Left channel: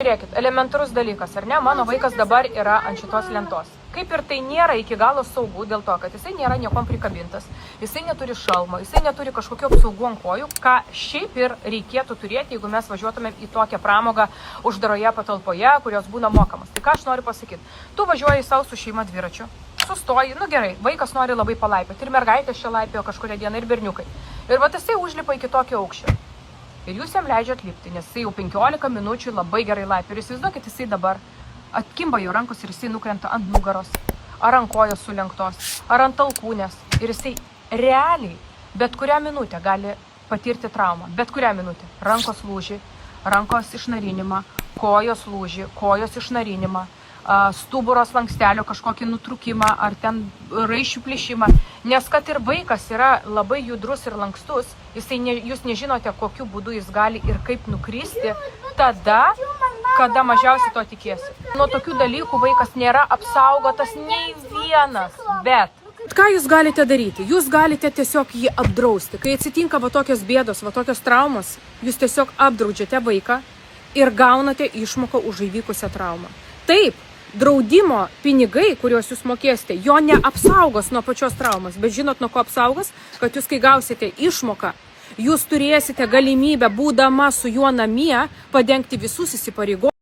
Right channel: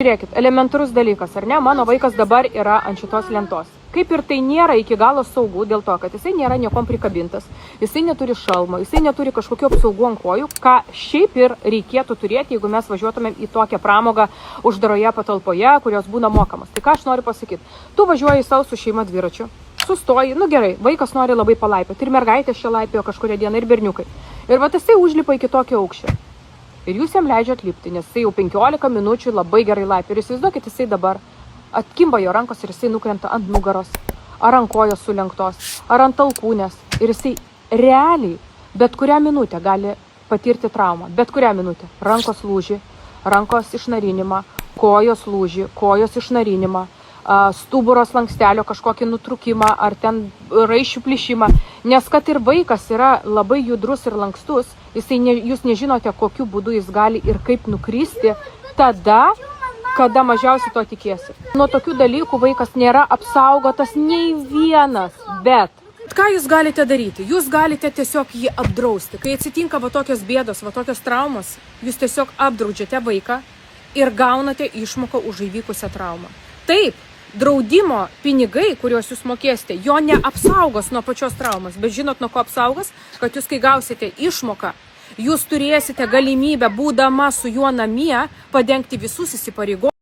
Žiūrėkit, elementarus dalykas, ar ne? Mano vaikas dabar yra ant šitos lentos. Kaip ir tai nėra iki galo saugu dėl to, kad jisai nėra niekom prikabintas, jisai neturi šalmo, jisai neturi kažkokio apsaugų ant kojų, ką šiaip ir reikėtų turėti, jeigu mes važiuotumėm į tokią pramogą uždaroje patalpoje, kurios būna mokamas. Tai ką aš noriu pasakyti? Tu važiuoji savo su šeima dviračiu, sustoji, nu gerai, vaikas nori labai palaipėti, ir mergaitės čia laipėjo kažkuria diena, ir berniukai. Ir va jisai užlipa iki tokio aukščio. Ir jūs jam leidžiat lipti, nes jisai jau 15 minučių labai gerai laipė. Ir įsivaizduokit, jisai dabar atkimba jo rankos ir jisai nukrenta ant nugaros, ar ant kojos sulenktos, ar ant alkūnės. Ir jisai realiai bet kurią minutę gali patirti traumą. Bet kurią minutę. Rankos lūžį, rankos išnarinimą, kojos lūžį, kojos išnarinimą, stuburo slankstelio kažkokį nutrūkimą, ar ten raiščių plyšimą. Nes kad ir vaikas yra labai judrus ir lankstus, jūs nežinote, kokiu būdu jis gali ir kaip nukristi tada, kada mažiausiai to tikėsi. Nuo tokių dalykų vaikas nėra apsaugotas nei vienas, bet ką jūs galite daryti? Jūs galite tiesiog jį apdrausti. Kai atsitinka va tokios bėdos, va tokios traumos, jūs tiesiog apdraudžiate vaiką ir gaunate išmoką už įvykusią traumą. Taip, draudimo pinigai, kuriuos jūs mokėsite, jo neapsaugos nuo pačios traumos, bet žinot, nuo ko apsaugos? Kad jūs, kai gausite išmoką, jūs turėsite galimybę, būdama su juo namie, padengti visus įsipareigojimus.